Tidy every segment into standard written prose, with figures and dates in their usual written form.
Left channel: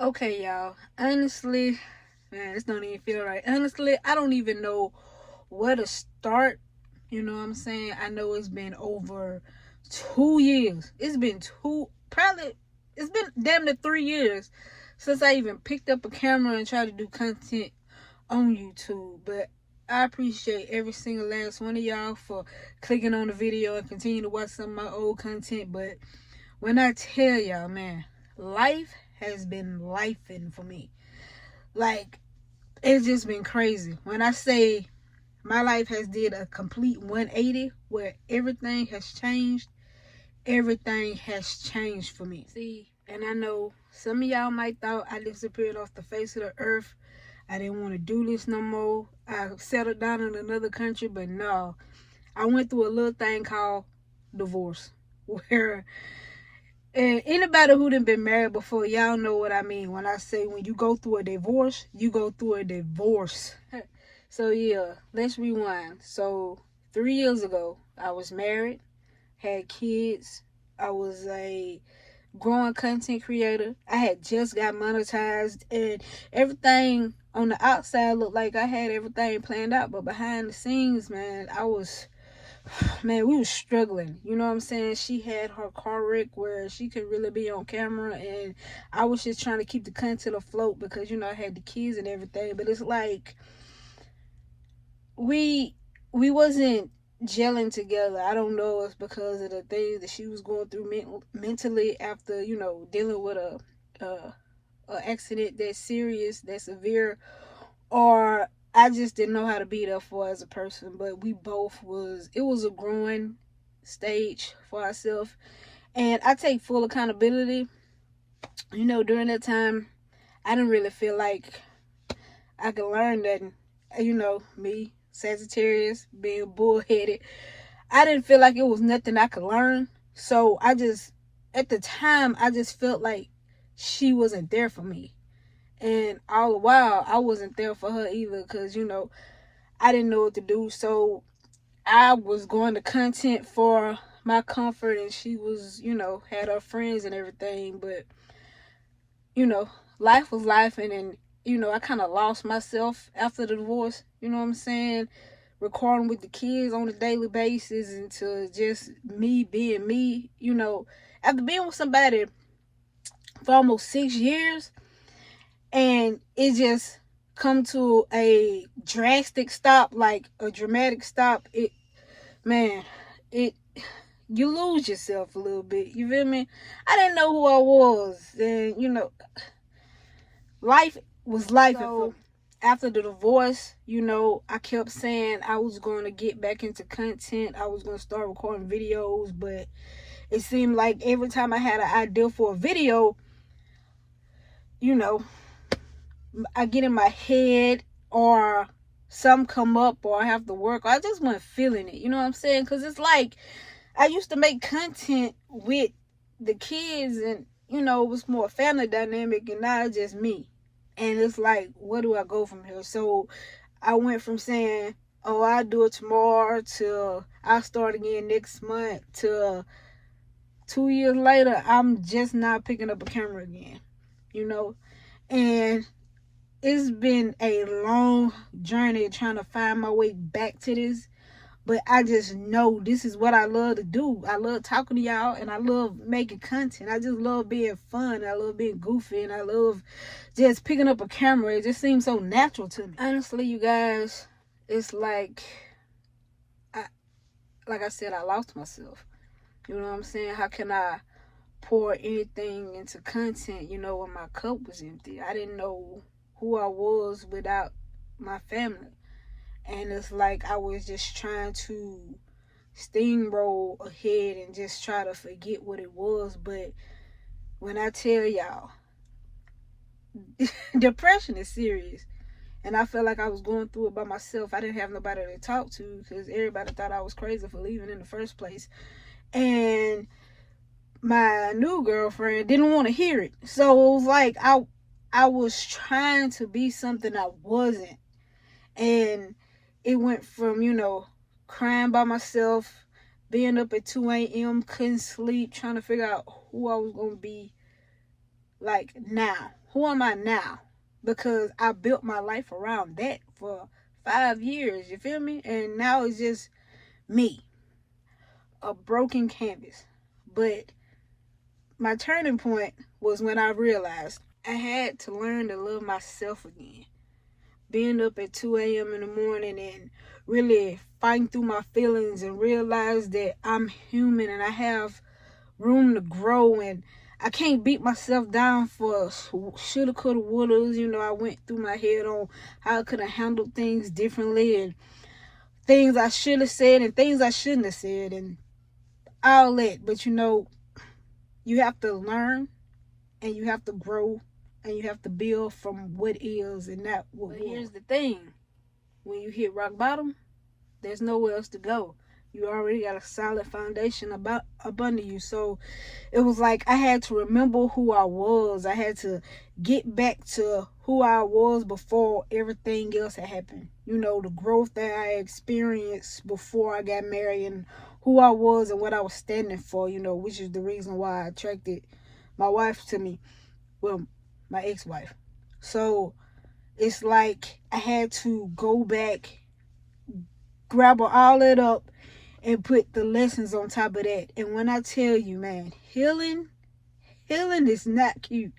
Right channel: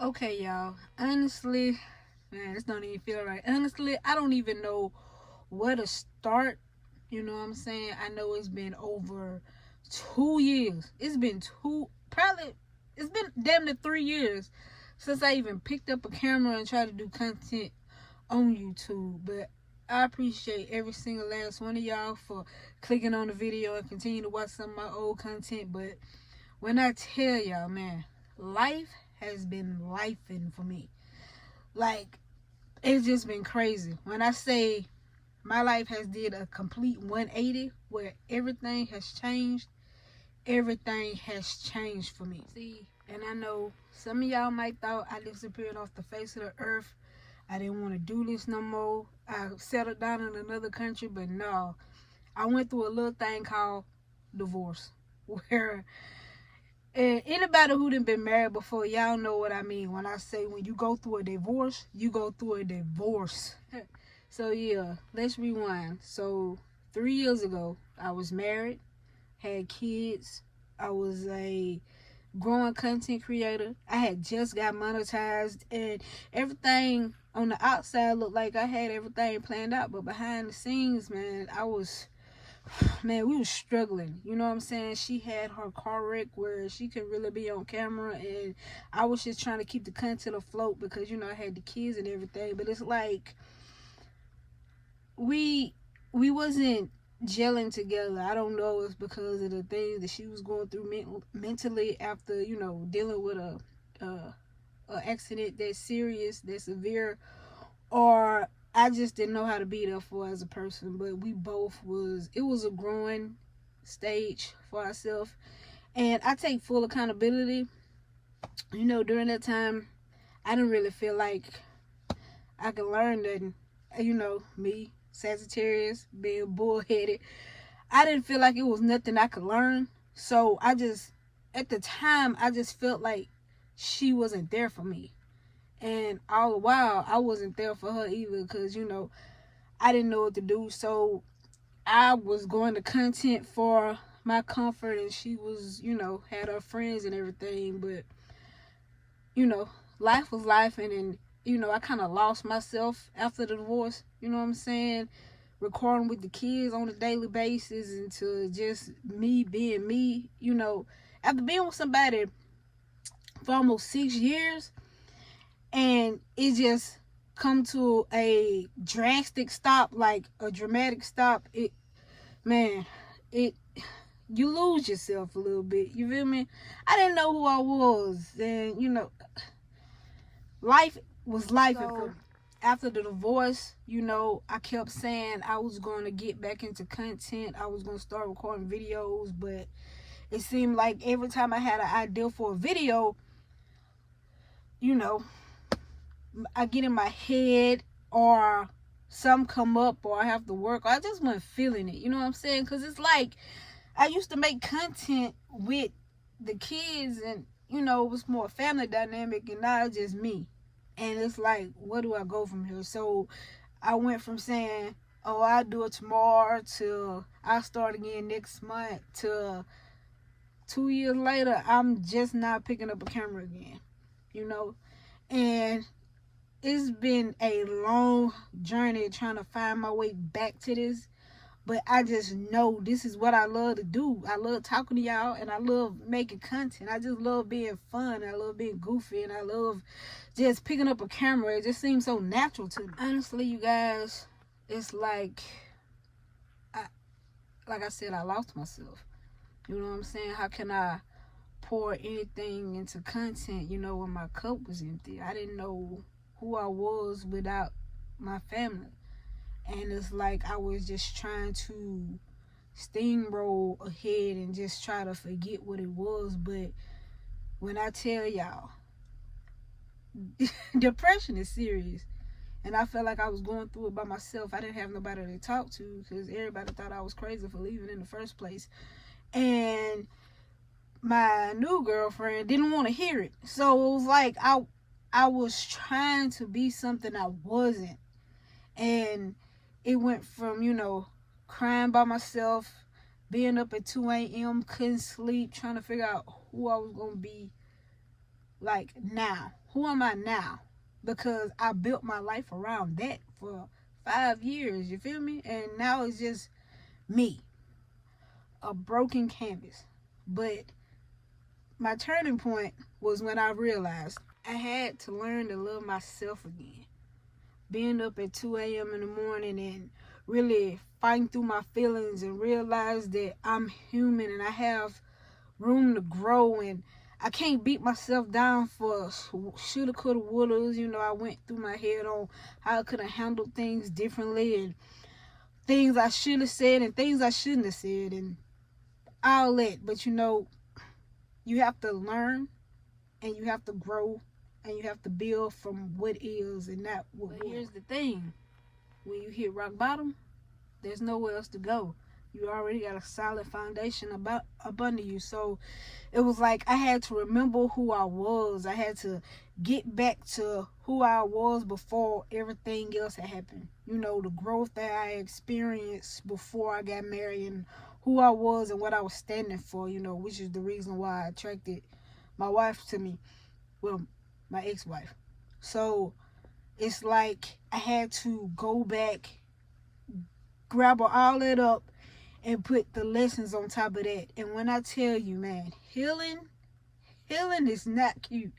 Okay, y'all. Honestly, man, it's not even feel right. Honestly, I don't even know where to start. You know what I'm saying? I know it's been over 2 years. It's been damn near 3 years since I even picked up a camera and tried to do content on YouTube. But I appreciate every single last one of y'all for clicking on the video and continue to watch some of my old content. But when I tell y'all, man, life has been lifing for me. Like, it's just been crazy. When I say my life has did a complete 180 where everything has changed for me. See, and I know some of y'all might thought I disappeared off the face of the earth. I didn't want to do this no more. I settled down in another country, but no. I went through a little thing called divorce. Where and anybody who done been married before, y'all know what I mean when I say when you go through a divorce, you go through a divorce. So yeah, let's rewind. So 3 years ago, I was married, had kids. I was a growing content creator. I had just got monetized, and everything on the outside looked like I had everything planned out, but behind the scenes, man, we was struggling. You know what I'm saying? She had her car wreck where she could really be on camera, and I was just trying to keep the content afloat because I had the kids and everything. But it's like we wasn't gelling together. I don't know if because of the things that she was going through mentally after dealing with a accident that's serious, that's severe, or I just didn't know how to be there for her as a person. But we both it was a growing stage for ourselves, and I take full accountability. During that time, I didn't really feel like I could learn nothing. Me, Sagittarius, being bullheaded, I didn't feel like it was nothing I could learn. So at the time, I just felt like she wasn't there for me. And all the while, I wasn't there for her either because, I didn't know what to do. So I was going to content for my comfort, and she was, had her friends and everything. But, you know, life was life, and I kind of lost myself after the divorce. You know what I'm saying? Recording with the kids on a daily basis, into just me being me. After being with somebody for almost 6 years, and it just come to a drastic stop, like a dramatic stop. Man, it you lose yourself a little bit. You feel me? I didn't know who I was, and life was life. So after the divorce, I kept saying I was going to get back into content. I was going to start recording videos, but it seemed like every time I had an idea for a video, you know, I get in my head, or some come up, or I have to work, or I just wasn't feeling it. You know what I'm saying? Because it's like I used to make content with the kids, and it was more family dynamic, and now it's just me. And it's like, where do I go from here? So I went from saying, oh, I'll do it tomorrow, to I'll start again next month, to 2 years later, I'm just not picking up a camera again. And it's been a long journey trying to find my way back to this. But I just know this is what I love to do. I love talking to y'all, and I love making content. I just love being fun. I love being goofy, and I love just picking up a camera. It just seems so natural to me. Honestly, you guys, it's like I said, I lost myself. You know what I'm saying? How can I pour anything into content, when my cup was empty? I didn't know who I was without my family. And it's like I was just trying to steamroll ahead and just try to forget what it was. But when I tell y'all, depression is serious. And I felt like I was going through it by myself. I didn't have nobody to talk to because everybody thought I was crazy for leaving in the first place. And my new girlfriend didn't want to hear it. So it was like I was trying to be something I wasn't. And it went from, crying by myself, being up at 2 a.m., couldn't sleep, trying to figure out who I was going to be like now. Who am I now? Because I built my life around that for 5 years, you feel me? And now it's just me, a broken canvas. But my turning point was when I realized I had to learn to love myself again. Being up at 2 a.m. in the morning and really fighting through my feelings and realize that I'm human and I have room to grow and I can't beat myself down for shoulda, coulda, wouldas. You know, I went through my head on how I could have handled things differently and things I should have said and things I shouldn't have said and all that. But you know, you have to learn and you have to grow and you have to build from what is and not what was. Here's the thing. When you hit rock bottom, there's nowhere else to go. You already got a solid foundation up under you. So it was like I had to remember who I was. I had to get back to who I was before everything else had happened. You know, the growth that I experienced before I got married and who I was and what I was standing for, you know, which is the reason why I attracted my wife to me. Well, my ex-wife. So it's like I had to go back, grab all that up, and put the lessons on top of that. And when I tell you, man, healing is not cute.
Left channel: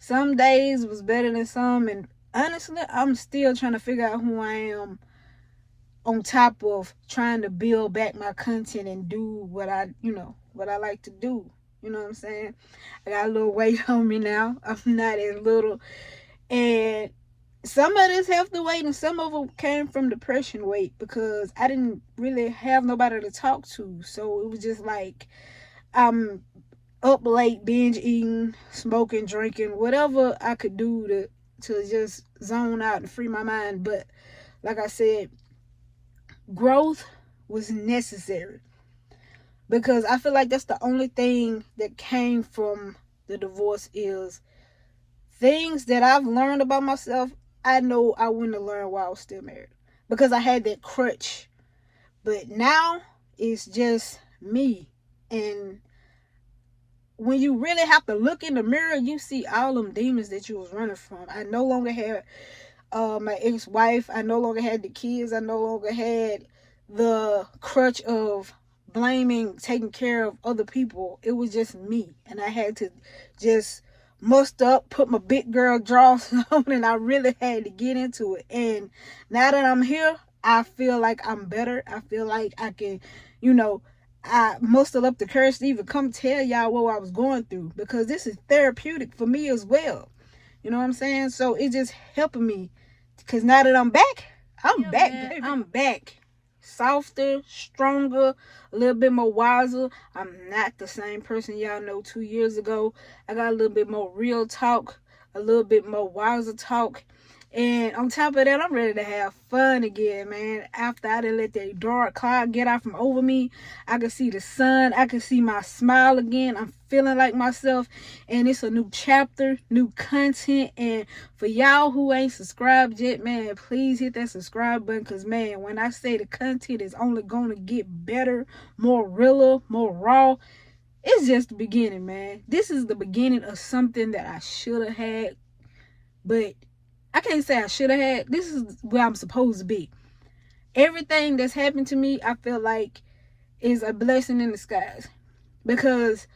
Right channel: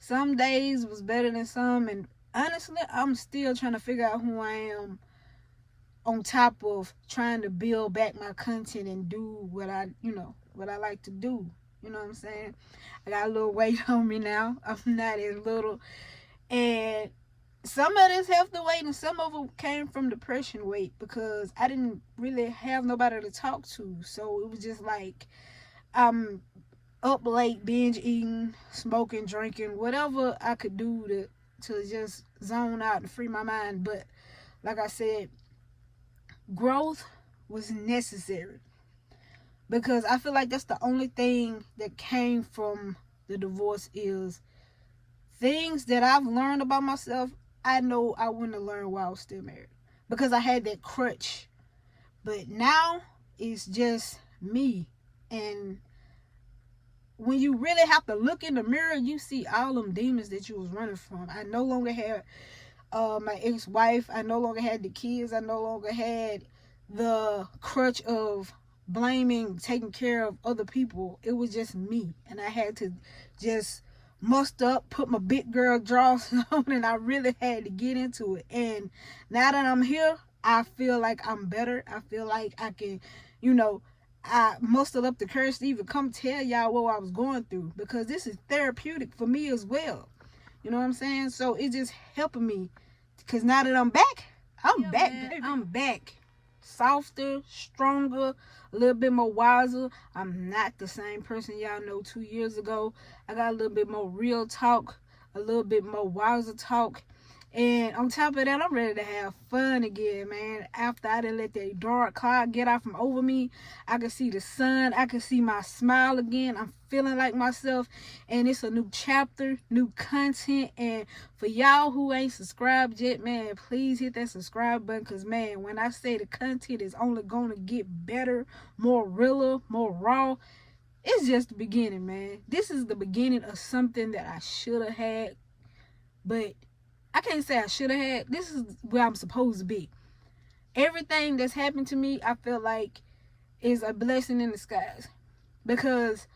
Some days was better than some, and honestly, I'm still trying to figure out who I am on top of trying to build back my content and do what I like to do. You know what I'm saying? I got a little weight on me now. I'm not as little. And some of this healthy weight and some of it came from depression weight because I didn't really have nobody to talk to. So it was just like I'm up late, binge eating, smoking, drinking, whatever I could do to just zone out and free my mind. But like I said, growth was necessary because I feel like that's the only thing that came from the divorce is things that I've learned about myself. I know I wouldn't have learned while I was still married because I had that crutch. But now it's just me. And when you really have to look in the mirror, you see all them demons that you was running from. I no longer had my ex-wife. I no longer had the kids. I no longer had the crutch of blaming, taking care of other people. It was just me. And I had to just muster up, put my big girl drawers on, and I really had to get into it. And now that I'm here, I feel like I'm better. I feel like I can, I mustered up the courage to even come tell y'all what I was going through because this is therapeutic for me as well. You know what I'm saying? So it's just helping me because now that I'm back, I'm back, man. Baby. I'm back. Softer, stronger, a little bit more wiser. I'm not the same person y'all know 2 years ago. I got a little bit more real talk, a little bit more wiser talk. And on top of that, I'm ready to have fun again, man. After I done let that dark cloud get out from over me, I can see the sun. I can see my smile again. I'm feeling like myself. And it's a new chapter, new content. And for y'all who ain't subscribed yet, man, please hit that subscribe button. Because, man, when I say the content is only going to get better, more realer, more raw, it's just the beginning, man. This is the beginning of something that I should have had. But I can't say I should have had. This is where I'm supposed to be. Everything that's happened to me, I feel like is a blessing in disguise. Because,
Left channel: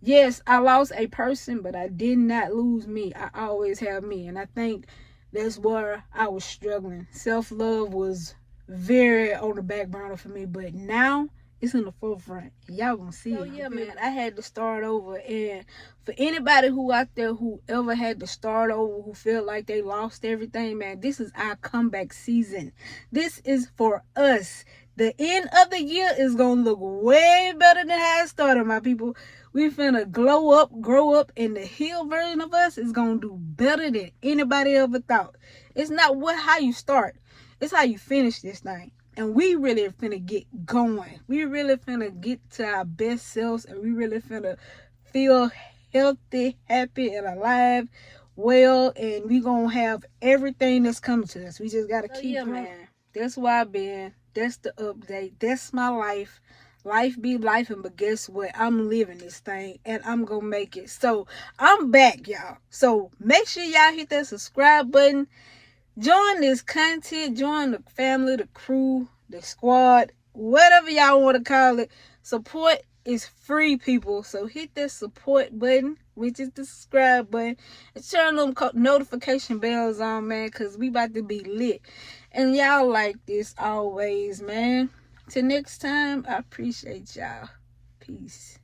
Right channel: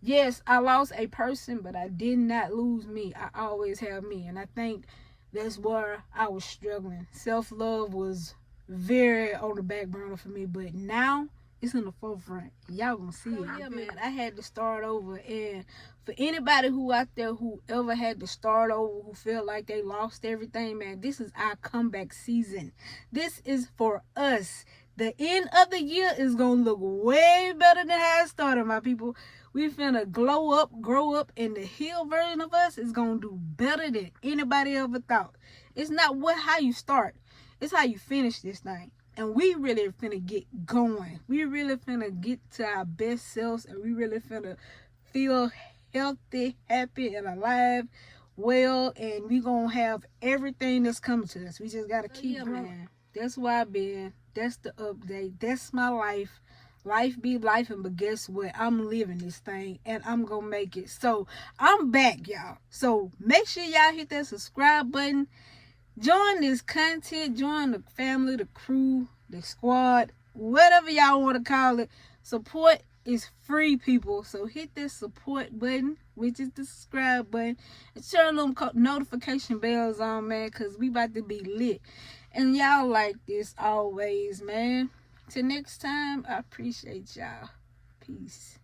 yes, I lost a person, but I did not lose me. I always have me. And I think that's where I was struggling. Self-love was very on the back burner for me. But now, it's in the forefront. Y'all gonna see it. Yeah, man, I had to start over. And for anybody who out there who ever had to start over, who feel like they lost everything, man, this is our comeback season. This is for us. The end of the year is gonna look way better than how it started, my people. We finna glow up, grow up, and the healed version of us is gonna do better than anybody ever thought. It's not how you start. It's how you finish this thing. And we really finna get going. We really finna get to our best selves. And we really finna feel healthy, happy, and alive, well. And we gonna have everything that's coming to us. We just gotta keep going. Man. That's where I've been. That's the update. That's my life. Life be life, and but guess what? I'm living this thing and I'm gonna make it. So I'm back, y'all. So make sure y'all hit that subscribe button. Join this content, join the family, the crew, the squad, whatever y'all want to call it. Support is free, people. So hit that support button, which is the subscribe button, and turn them notification bells on, man, because we about to be lit. And y'all like this always, man. Till next time, I appreciate y'all. Peace.